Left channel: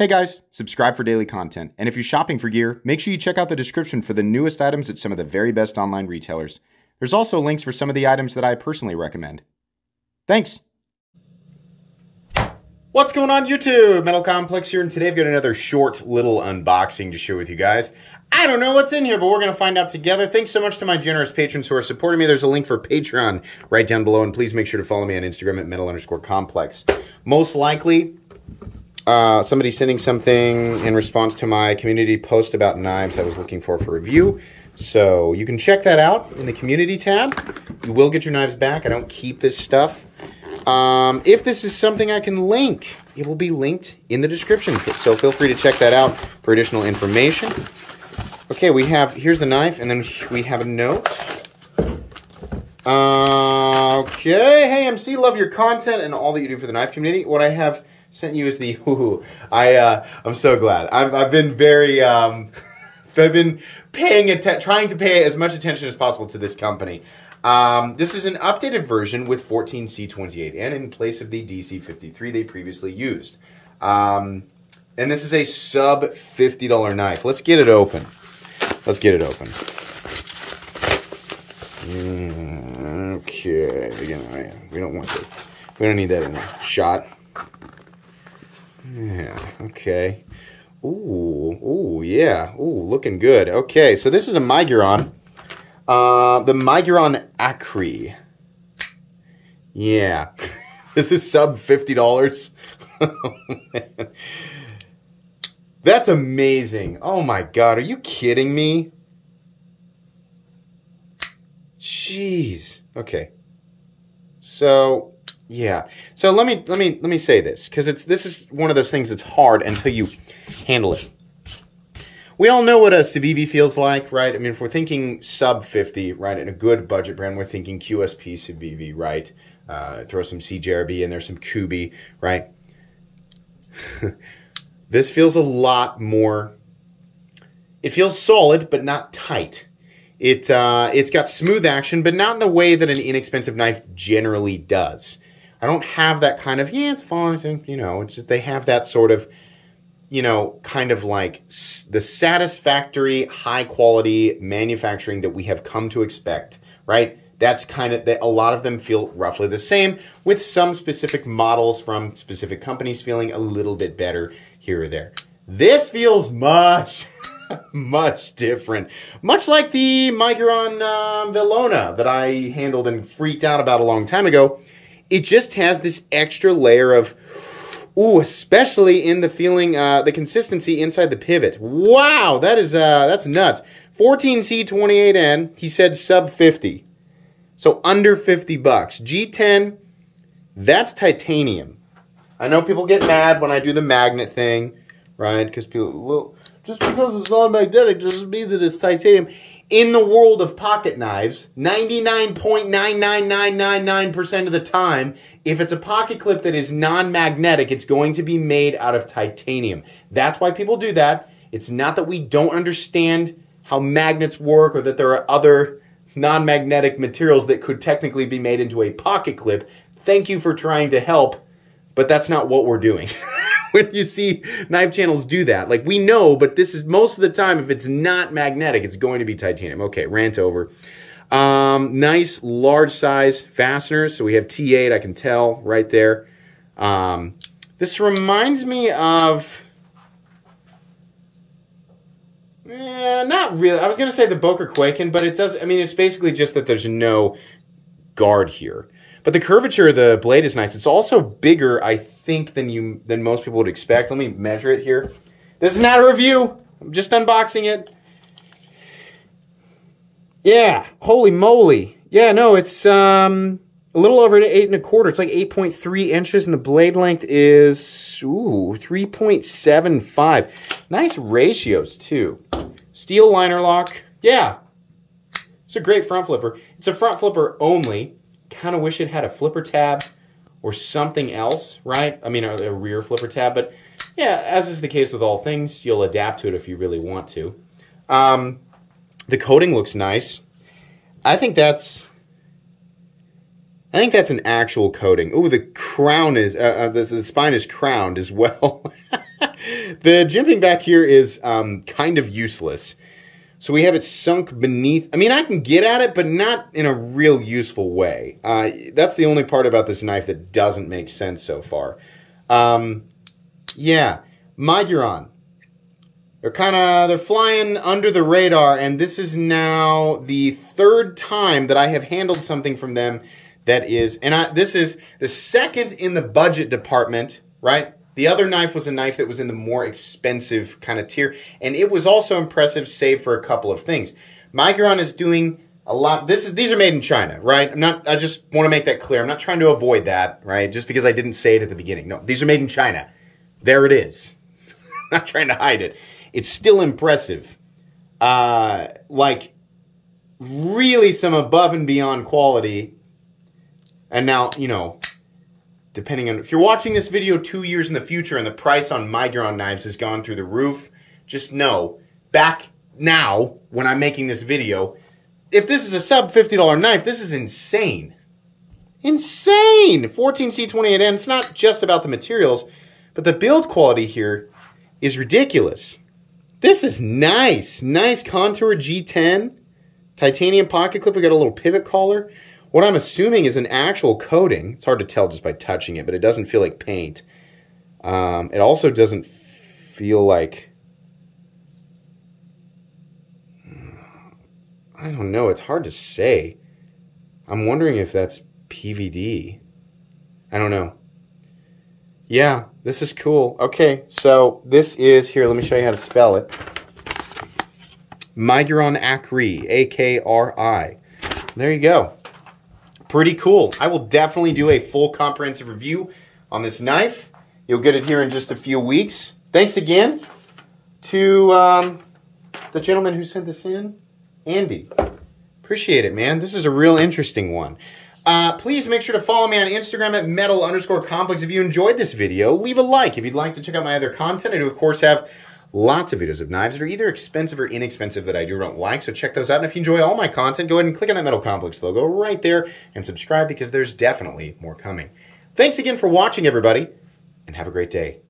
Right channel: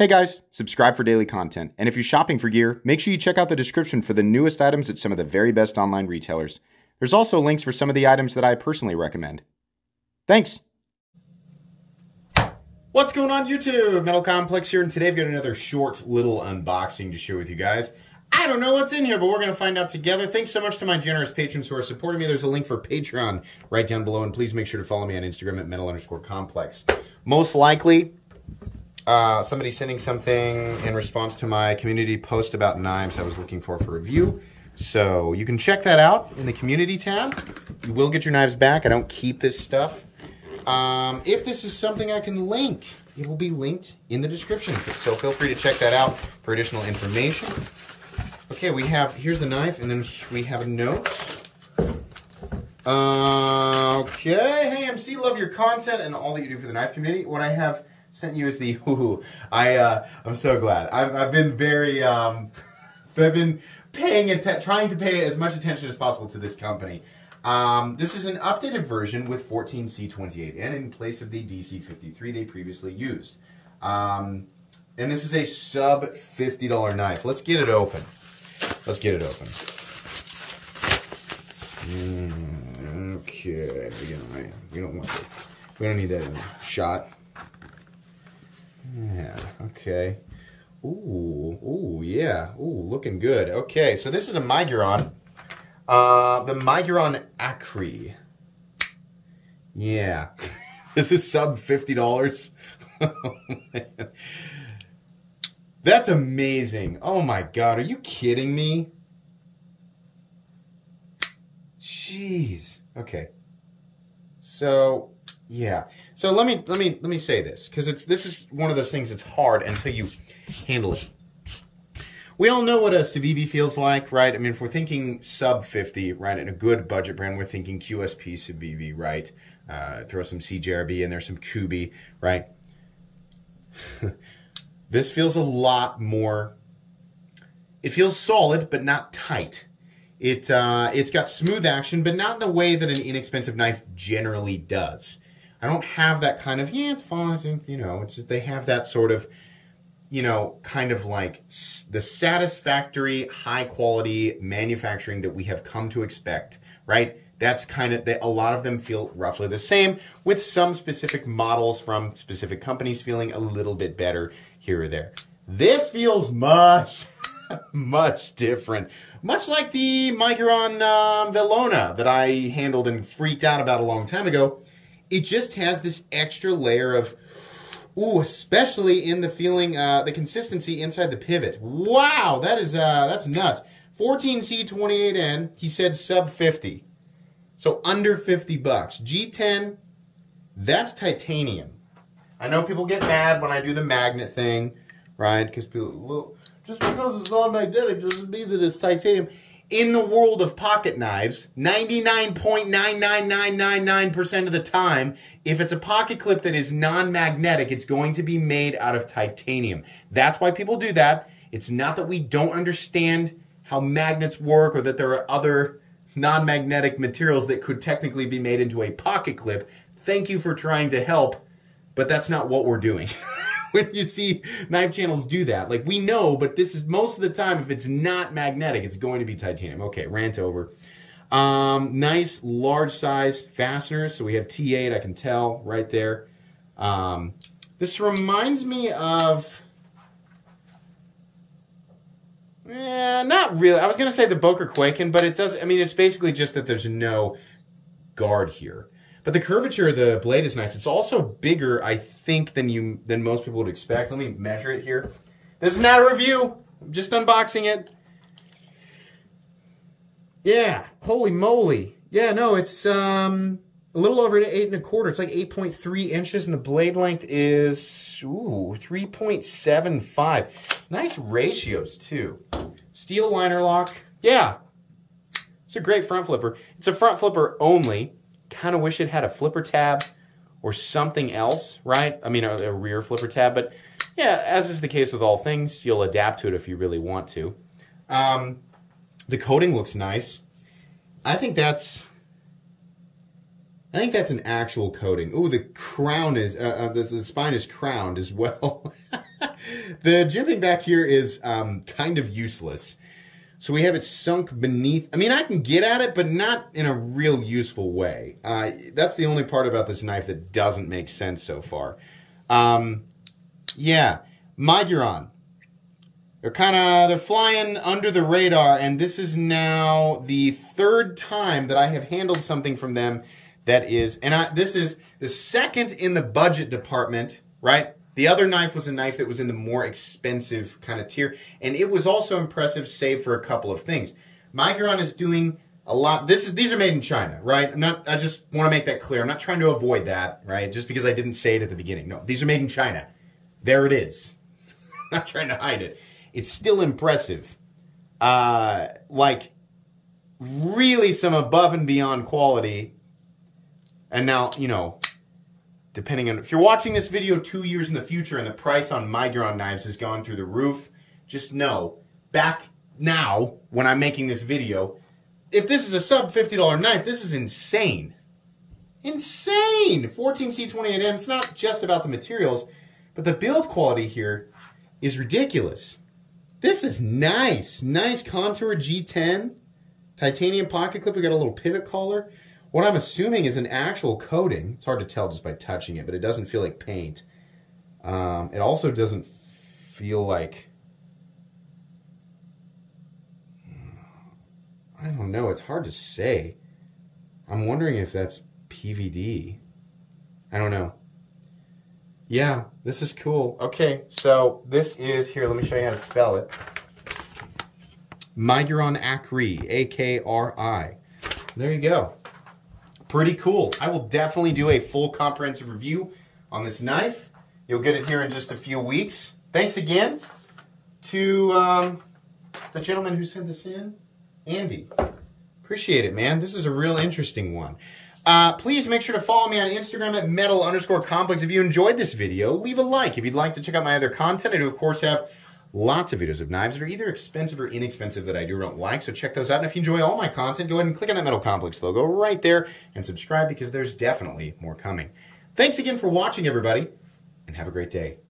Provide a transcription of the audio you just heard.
Hey guys, subscribe for daily content, and if you're shopping for gear, make sure you check out the description for the newest items at some of the very best online retailers. There's also links for some of the items that I personally recommend. Thanks! What's going on YouTube? Metal Complex here, and today I've got another short little unboxing to share with you guys. I don't know what's in here, but we're going to find out together. Thanks so much to my generous patrons who are supporting me. There's a link for Patreon right down below, and please make sure to follow me on Instagram at metal_complex. Most likely, somebody sending something in response to my community post about knives I was looking for review. So you can check that out in the community tab. You will get your knives back. I don't keep this stuff. If this is something I can link, it will be linked in the description. So feel free to check that out for additional information. Okay, here's the knife, and then we have a note. Okay, hey MC, love your content and all that you do for the knife community. What I have sent you is the, I'm so glad. I've been very, I've been trying to pay as much attention as possible to this company. This is an updated version with 14C28N in place of the DC53 they previously used. And this is a sub $50 knife. Let's get it open. Let's get it open. Okay, again, we don't want to. We don't need that in there. Shot. Yeah, okay. Ooh, yeah. Ooh, looking good. Okay, so this is a Miguron. The Miguron Akri. Yeah. This is sub $50. Oh, man. That's amazing. Oh my God, are you kidding me? Jeez. Okay. So, yeah. So let me say this, because this is one of those things that's hard until you handle it. We all know what a Civivi feels like, right? I mean, if we're thinking sub 50, right, and a good budget brand, we're thinking QSP Civivi, right? Throw some CJRB in there, some Kubi, right? This feels a lot more, it feels solid, but not tight. It's got smooth action, but not in the way that an inexpensive knife generally does. I don't have that kind of, yeah, it's fine, I think, you know, it's just, they have that sort of, you know, kind of like the satisfactory, high quality manufacturing that we have come to expect, right? That's kind of, a lot of them feel roughly the same, with some specific models from specific companies feeling a little bit better here or there. This feels much, much different. Much like the Miguron Velona that I handled and freaked out about a long time ago. It just has this extra layer of, ooh, especially in the feeling, the consistency inside the pivot. Wow, that's nuts. 14C28N, he said sub 50. So under 50 bucks. G10, that's titanium. I know people get mad when I do the magnet thing, right? Because people, well, just because it's non-magnetic doesn't mean that it's titanium. In the world of pocket knives, 99.99999% of the time, if it's a pocket clip that is non-magnetic, it's going to be made out of titanium. That's why people do that. It's not that we don't understand how magnets work or that there are other non-magnetic materials that could technically be made into a pocket clip. Thank you for trying to help, but that's not what we're doing. When you see knife channels do that, like, we know, but this is most of the time, if it's not magnetic, it's going to be titanium. Okay, rant over. Nice large size fasteners. So we have T8, I can tell right there. This reminds me of, not really. I was going to say the Boker Quaken, but it does, I mean, it's basically just that there's no guard here. But the curvature of the blade is nice. It's also bigger, I think, than most people would expect. Let me measure it here. This is not a review. I'm just unboxing it. Yeah, holy moly. Yeah, no, it's a little over 8 1/4. It's like 8.3 inches, and the blade length is 3.75. Nice ratios too. Steel liner lock. Yeah, it's a great front flipper. It's a front flipper only. Kind of wish it had a flipper tab or something else, right? I mean, a rear flipper tab, but yeah, as is the case with all things, you'll adapt to it if you really want to. The coating looks nice. I think that's an actual coating. Ooh, the crown is, the spine is crowned as well. The jimping back here is kind of useless. So we have it sunk beneath. I mean, I can get at it, but not in a real useful way. That's the only part about this knife that doesn't make sense so far. Yeah, Miguron. They're flying under the radar, and this is now the third time that I have handled something from them that is, this is the second in the budget department, right? The other knife was a knife that was in the more expensive kind of tier, and it was also impressive, save for a couple of things. Miguron is doing a lot. These are made in China, right? I just want to make that clear. I'm not trying to avoid that, right? Just because I didn't say it at the beginning. No, these are made in China. There it is. I'm not trying to hide it. It's still impressive. Like, really some above and beyond quality. And now, you know, depending on, if you're watching this video 2 years in the future and the price on Miguron knives has gone through the roof, just know, back now, when I'm making this video, if this is a sub $50 knife, this is insane. Insane! 14C28N, it's not just about the materials, but the build quality here is ridiculous. This is nice. Nice contour G10. Titanium pocket clip. We got a little pivot collar. What I'm assuming is an actual coating. It's hard to tell just by touching it, but it doesn't feel like paint. It also doesn't feel like... I don't know. It's hard to say. I'm wondering if that's PVD. I don't know. Yeah, this is cool. Okay, so this is, here, let me show you how to spell it. Miguron Akri, A-K-R-I. There you go. Pretty cool. I will definitely do a full comprehensive review on this knife. You'll get it here in just a few weeks. Thanks again to the gentleman who sent this in, Andy. Appreciate it, man. This is a real interesting one. Please make sure to follow me on Instagram at metal_complex. If you enjoyed this video, leave a like. If you'd like to check out my other content, I do, of course, have lots of videos of knives that are either expensive or inexpensive that I do or don't like, so check those out. And if you enjoy all my content, go ahead and click on that Metal Complex logo right there and subscribe because there's definitely more coming. Thanks again for watching, everybody, and have a great day.